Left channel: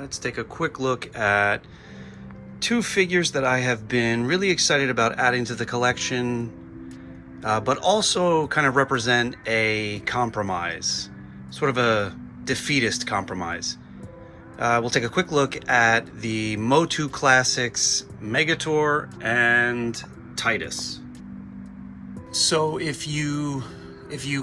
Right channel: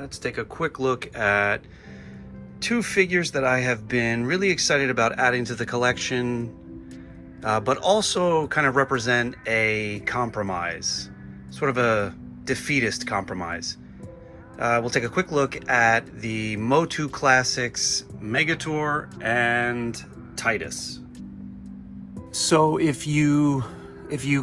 let's take a quick look at two figures that I have been really excited about adding to the collection, but also kind of represent a compromise, sort of a defeatist compromise. We'll take a quick look at the MOTU Classics Megator and Tytus. So if you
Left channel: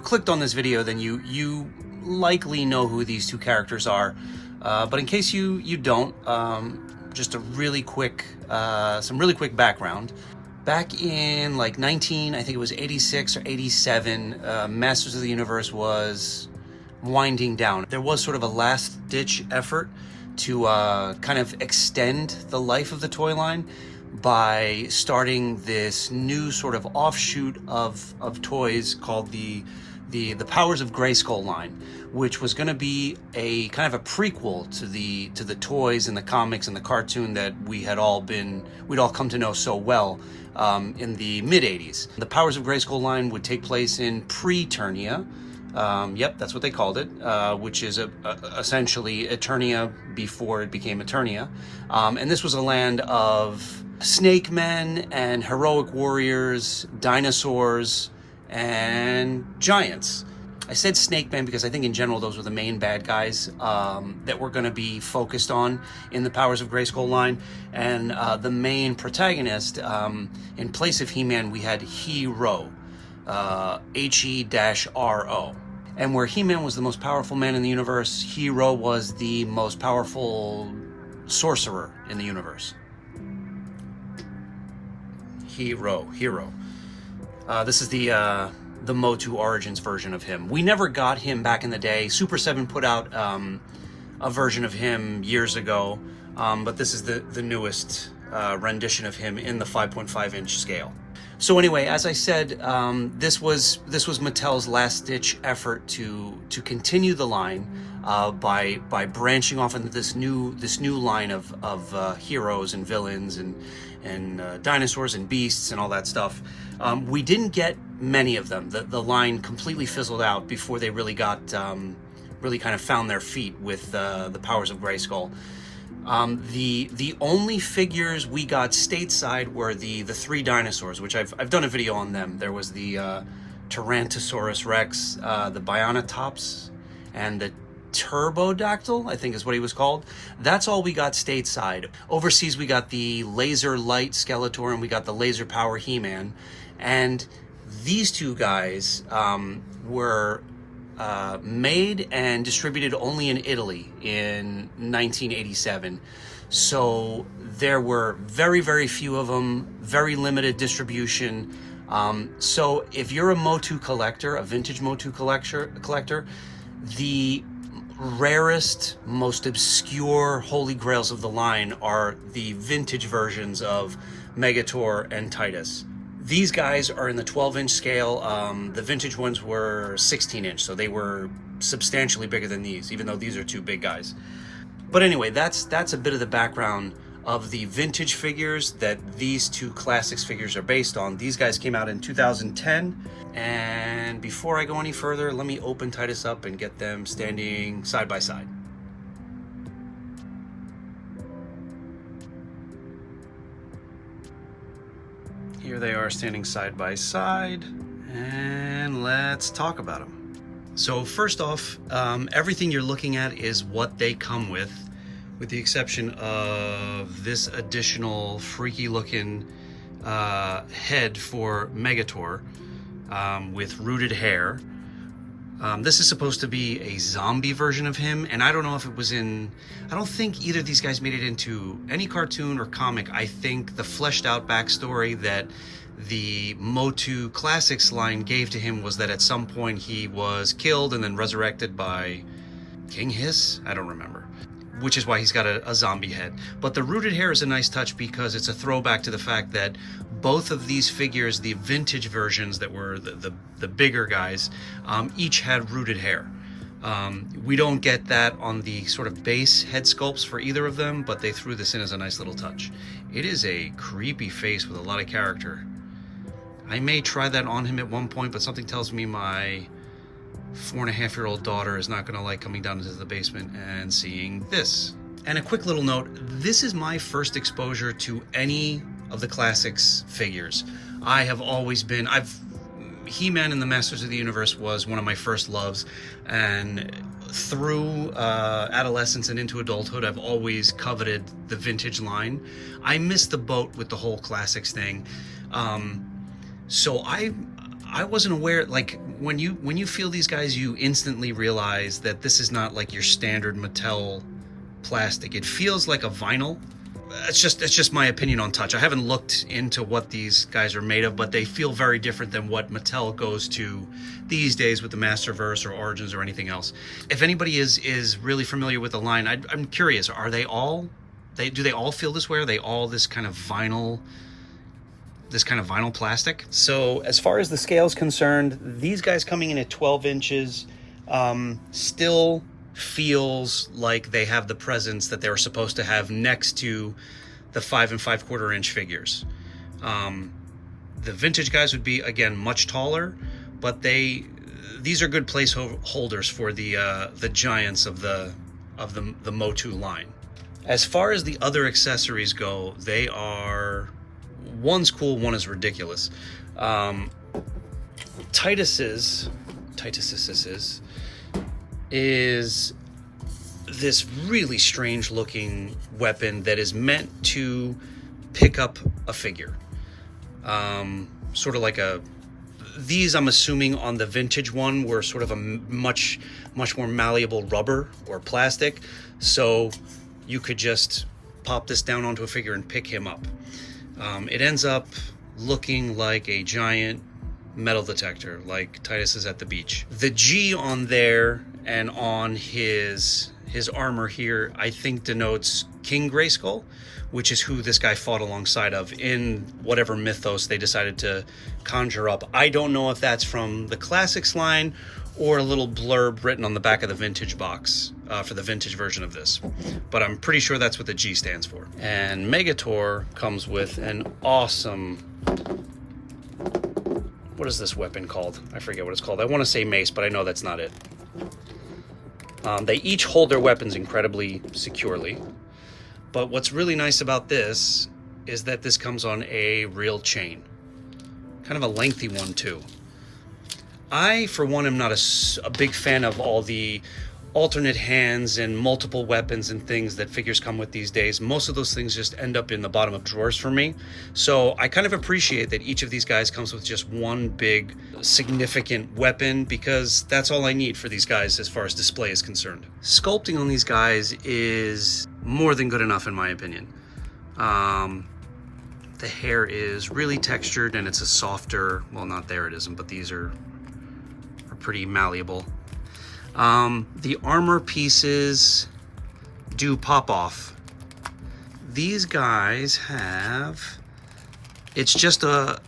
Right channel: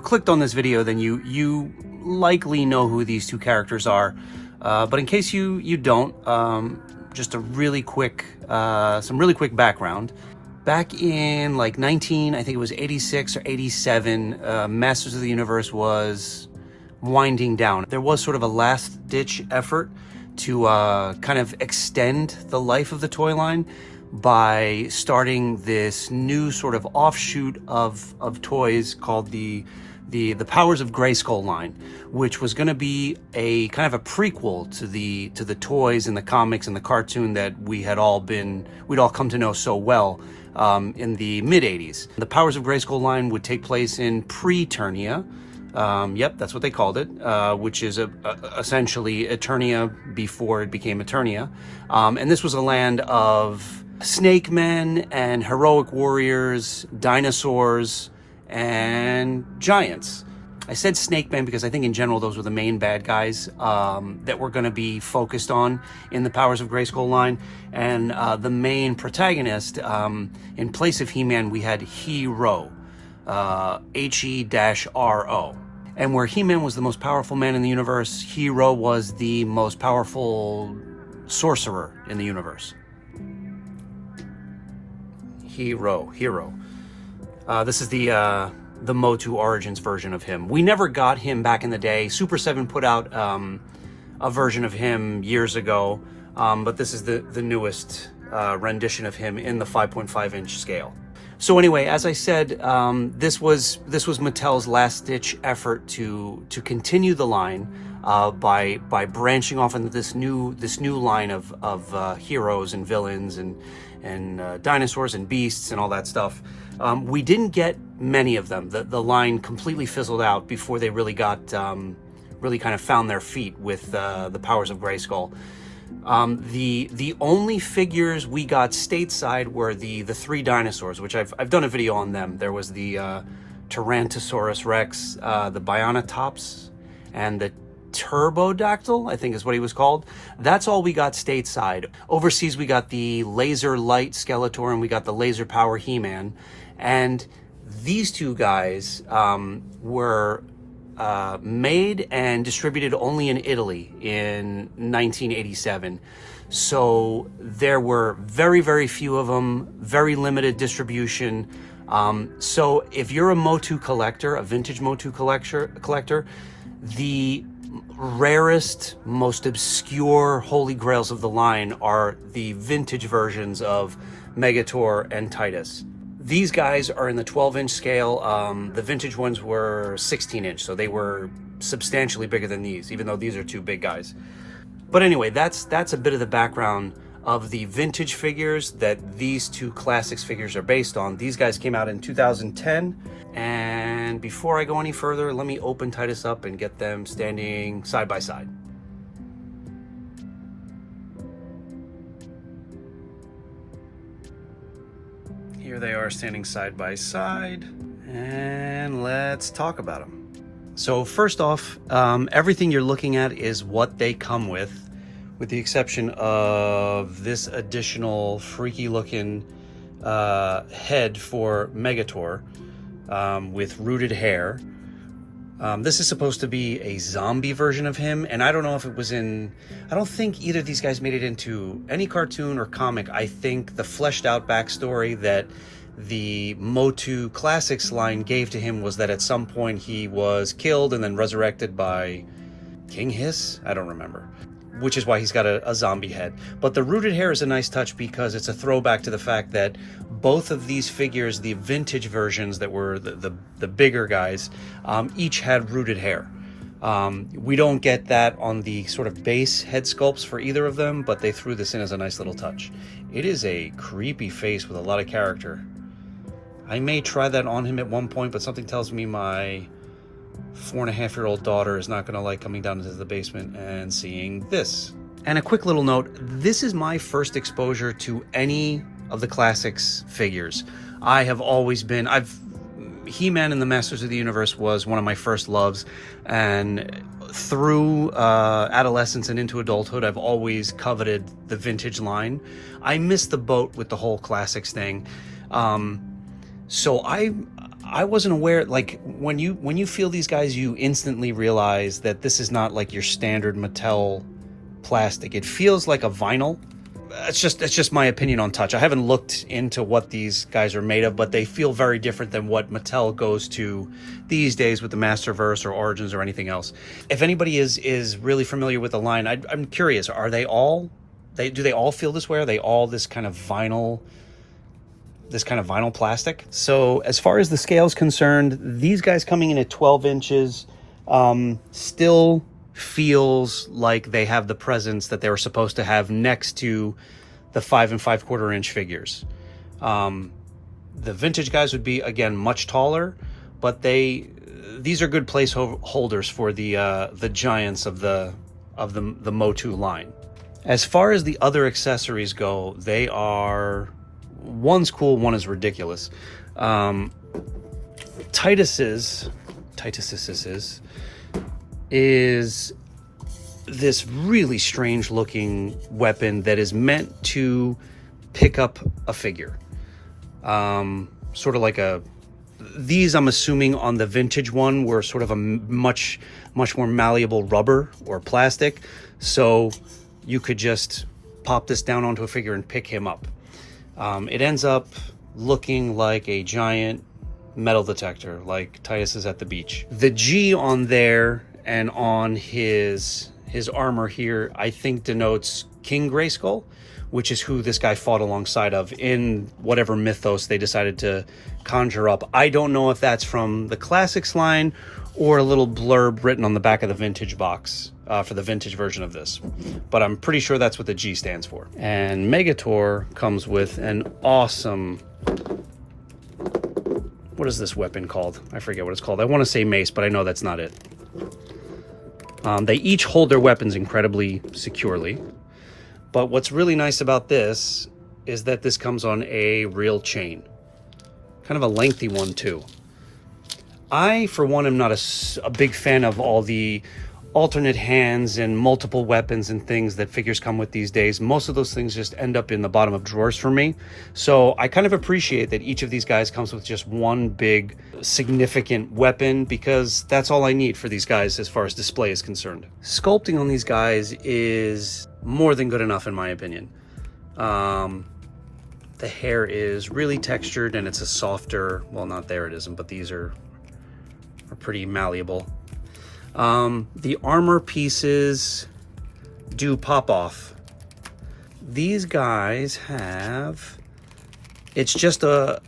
clicked on this video, then you likely know who these two characters are. But in case you don't, just a really quick, some really quick background. Back in like I think it was 86 or 87, Masters of the Universe was winding down. There was sort of a last-ditch effort to kind of extend the life of the toy line by starting this new sort of offshoot of toys called the Powers of Grayskull line, which was going to be a kind of a prequel to the toys and the comics and the cartoon that we'd all come to know so well in the mid-80s. The Powers of Grayskull line would take place in pre-Eternia. Yep, that's what they called it, which is essentially Eternia before it became Eternia. And this was a land of snake men and heroic warriors, dinosaurs, and giants. I said snake men because I think in general those were the main bad guys that were going to be focused on in the Powers of Grayskull line. And the main protagonist, in place of He-Man, we had Hero, He-R-O. And where He-Man was the most powerful man in the universe, Hero was the most powerful sorcerer in the universe. Hero. This is the MOTU Origins version of him. We never got him back in the day. Super 7 put out a version of him years ago, but this is the newest rendition of him in the 5.5-inch scale. So anyway, as I said, this was Mattel's last-ditch effort to continue the line by branching off into this new line of heroes and villains and dinosaurs and beasts and all that stuff. We didn't get many of them. The line completely fizzled out before they really got really kind of found their feet with the Powers of Grayskull. The only figures we got stateside were the three dinosaurs, which I've done a video on them. There was the Tyrannosaurus Rex, the Bionatops, and the Turbodactyl, I think is what he was called. That's all we got stateside. Overseas, we got the Laser Light Skeletor and we got the Laser Power He-Man. And these two guys were made and distributed only in Italy in 1987. So there were very, very few of them, very limited distribution. So if you're a MOTU collector, a vintage MOTU collector, the rarest, most obscure holy grails of the line are the vintage versions of Megator and Tytus. These guys are in the 12-inch scale. The vintage ones were 16-inch, so they were substantially bigger than these, even though these are two big guys. But anyway, that's a bit of the background of the vintage figures that these two classics figures are based on. These guys came out in 2010, and before I go any further, let me open Tytus up and get them standing side by side. Here they are standing side by side, and let's talk about them. So first off, everything you're looking at is what they come with the exception of this additional freaky looking head for Megator with rooted hair. This is supposed to be a zombie version of him, and I don't know if it was in... I don't think either of these guys made it into any cartoon or comic. I think the fleshed out backstory that the MOTU Classics line gave to him was that at some point he was killed and then resurrected by King Hiss? I don't remember. Which is why he's got a zombie head. But the rooted hair is a nice touch because it's a throwback to the fact that both of these figures, the vintage versions that were the bigger guys, each had rooted hair. We don't get that on the sort of base head sculpts for either of them, but they threw this in as a nice little touch. It is a creepy face with a lot of character. I may try that on him at one point, but something tells me my 4.5-year-old daughter is not going to like coming down into the basement and seeing this. And a quick little note, this is my first exposure to any of the Classics figures. I have always been, He-Man and the Masters of the Universe was one of my first loves, and through adolescence and into adulthood, I've always coveted the vintage line. I missed the boat with the whole Classics thing. So I wasn't aware, like, when you feel these guys, you instantly realize that this is not like your standard Mattel plastic. It feels like a vinyl. It's just my opinion on touch. I haven't looked into what these guys are made of, but they feel very different than what Mattel goes to these days with the Masterverse or Origins or anything else. If anybody is really familiar with the line, I'm curious, are they all, do they all feel this way? Are they all this kind of vinyl plastic? So as far as the scale is concerned, these guys coming in at 12 inches still feels like they have the presence that they were supposed to have next to the 5 5/4 inch figures. The vintage guys would be, again, much taller, but these are good placeholders for the giants of the MOTU line. As far as the other accessories go, they are, one's cool, one is ridiculous. Tytus's is this really strange looking weapon that is meant to pick up a figure. Sort of like these, I'm assuming on the vintage one, were sort of a much more malleable rubber or plastic. So you could just pop this down onto a figure and pick him up. It ends up looking like a giant metal detector, like Tytus is at the beach. The G on there and on his armor here, I think denotes King Grayskull, which is who this guy fought alongside of in whatever mythos they decided to conjure up. I don't know if that's from the Classics line or a little blurb written on the back of the vintage box for the vintage version of this, but I'm pretty sure that's what the G stands for. And Megator comes with an awesome, what is this weapon called? I forget what it's called. I want to say mace, but I know that's not it. They each hold their weapons incredibly securely, but what's really nice about this is that this comes on a real chain, kind of a lengthy one too. I, for one, am not a big fan of all the alternate hands and multiple weapons and things that figures come with these days. Most of those things just end up in the bottom of drawers for me. So I kind of appreciate that each of these guys comes with just one big significant weapon, because that's all I need for these guys as far as display is concerned. Sculpting on these guys is more than good enough in my opinion. The hair is really textured and it's a softer, well, not there it isn't, but these are pretty malleable. The armor pieces do pop off. These guys have, it's just a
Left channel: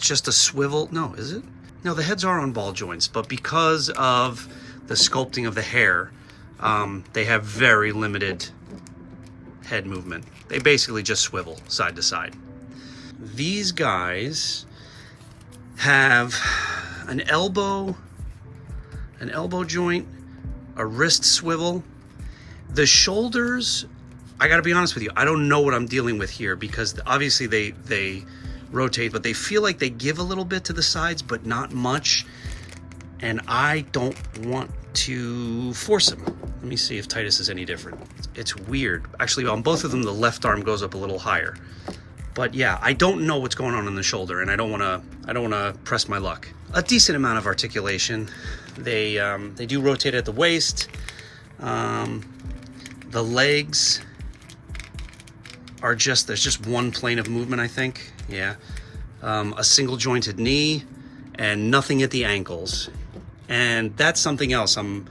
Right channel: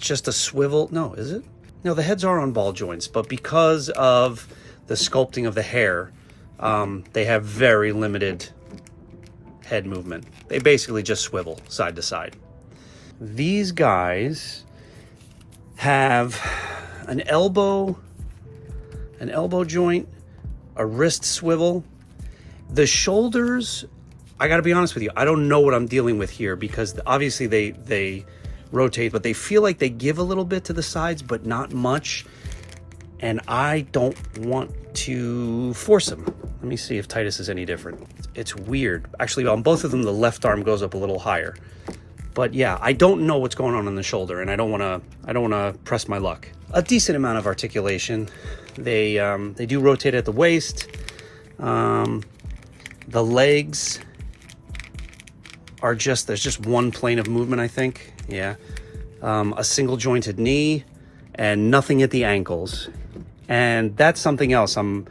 swivel. No, is it? No, the heads are on ball joints, but because of the sculpting of the hair, they have very limited head movement. They basically just swivel side to side. These guys have an elbow joint, a wrist swivel. The shoulders, I gotta be honest with you, I don't know what I'm dealing with here, because obviously they rotate, but they feel like they give a little bit to the sides, but not much. And I don't want to force them. Let me see if Tytus is any different. It's weird. Actually, on both of them, the left arm goes up a little higher. But yeah, I don't know what's going on the shoulder, and I don't wanna press my luck. A decent amount of articulation. They do rotate at the waist. The legs are there's just one plane of movement, I think. Yeah. A single jointed knee and nothing at the ankles. And that's something else. I'm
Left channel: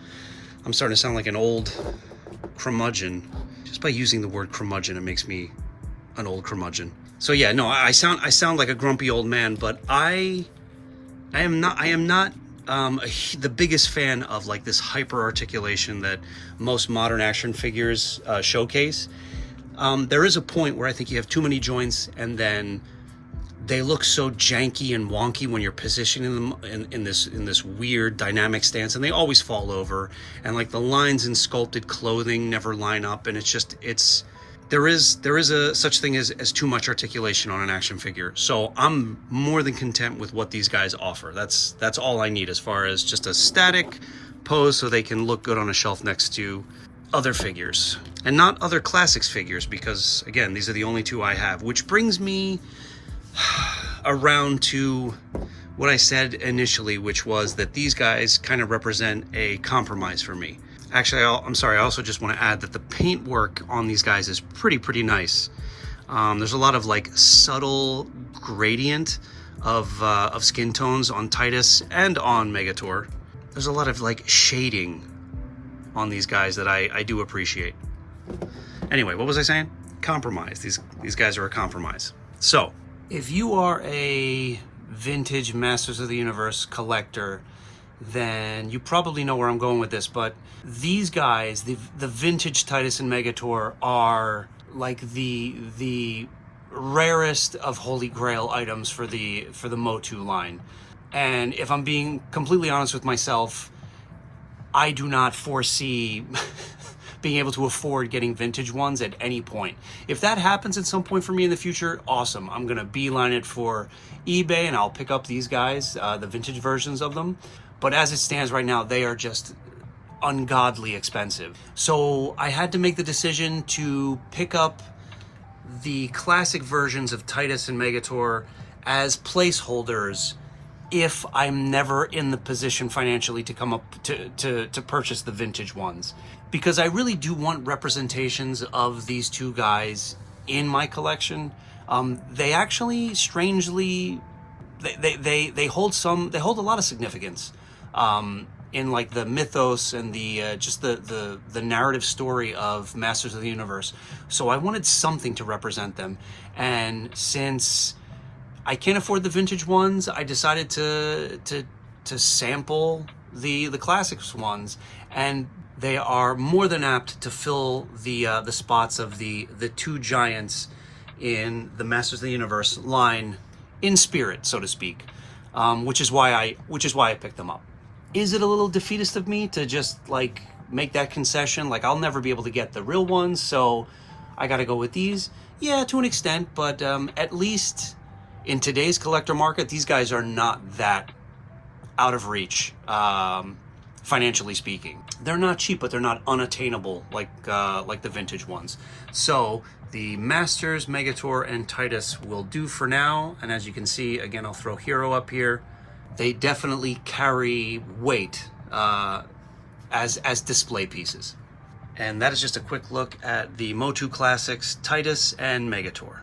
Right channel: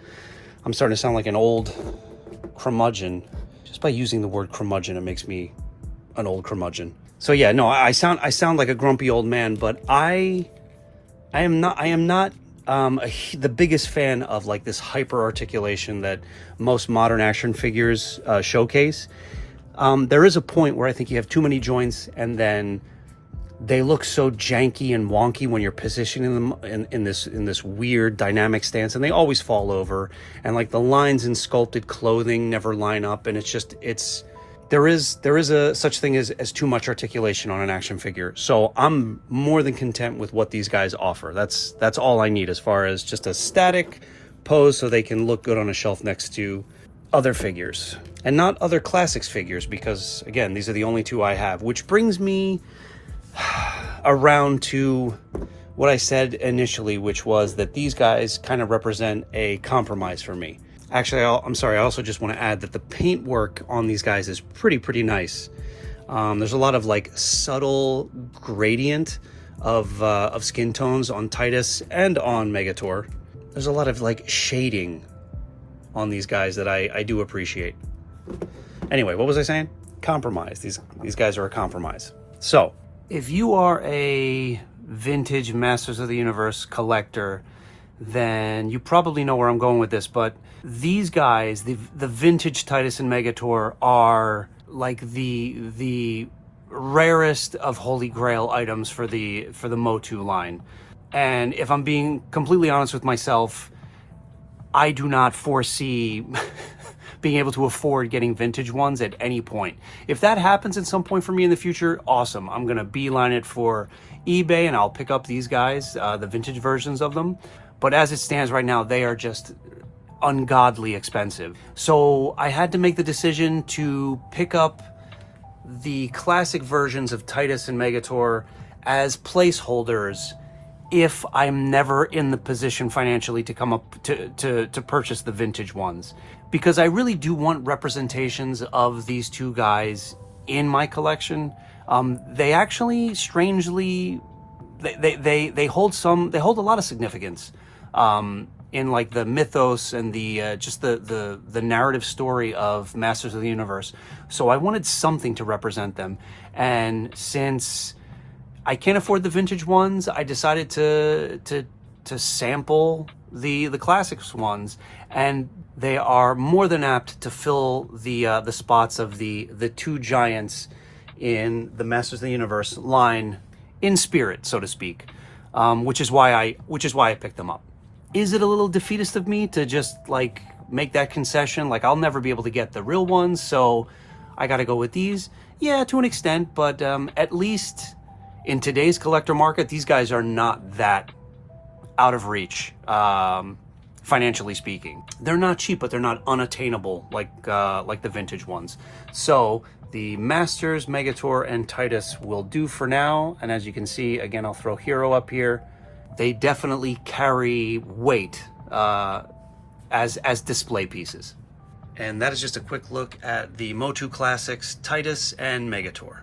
starting to sound like an old curmudgeon. Just by using the word curmudgeon, it makes me an old curmudgeon. So yeah, no, I sound like a grumpy old man, but I am not the biggest fan of like this hyper articulation that most modern action figures showcase. There is a point where I think you have too many joints, and then they look so janky and wonky when you're positioning them in this weird dynamic stance, and they always fall over, and like the lines in sculpted clothing never line up, and there is a such thing as too much articulation on an action figure. So I'm more than content with what these guys offer. That's all I need as far as just a static pose so they can look good on a shelf next to other figures, and not other classics figures, because again, these are the only two I have, which brings me around to what I said initially, which was that these guys kind of represent a compromise for me. Actually, I'm sorry, I also just want to add that the paint work on these guys is pretty nice. There's a lot of like subtle gradient of skin tones on Tytus and on Megator. There's a lot of like shading on these guys that I do appreciate. Anyway, what was I saying? Compromise. These guys are a compromise. So, if you are a vintage Masters of the Universe collector, then you probably know where I'm going with this, but these guys, the vintage Tytus and Megator, are like the rarest of holy grail items for the MOTU line. And if I'm being completely honest with myself, I do not foresee being able to afford getting vintage ones at any point. If that happens at some point for me in the future, awesome. I'm gonna beeline it for eBay and I'll pick up these guys, the vintage versions of them. But as it stands right now, they are just ungodly expensive. So I had to make the decision to pick up the classic versions of Tytus and Megator as placeholders if I'm never in the position financially to come up to purchase the vintage ones, because I really do want representations of these two guys in my collection. They actually strangely they hold a lot of significance in like the mythos and the just the narrative story of Masters of the Universe. So I wanted something to represent them, and since I can't afford the vintage ones, I decided to sample the classics ones, and they are more than apt to fill the spots of the two giants in the Masters of the Universe line in spirit, so to speak, which is why I picked them up. Is it a little defeatist of me to just like make that concession? Like, I'll never be able to get the real ones, so I got to go with these. Yeah, to an extent, but at least in today's collector market, these guys are not that out of reach, financially speaking. They're not cheap, but they're not unattainable like the vintage ones. So the Masters, Megator, and Tytus will do for now. And as you can see, again, I'll throw Hero up here. They definitely carry weight as display pieces. And that is just a quick look at the MOTU Classics, Tytus, and Megator.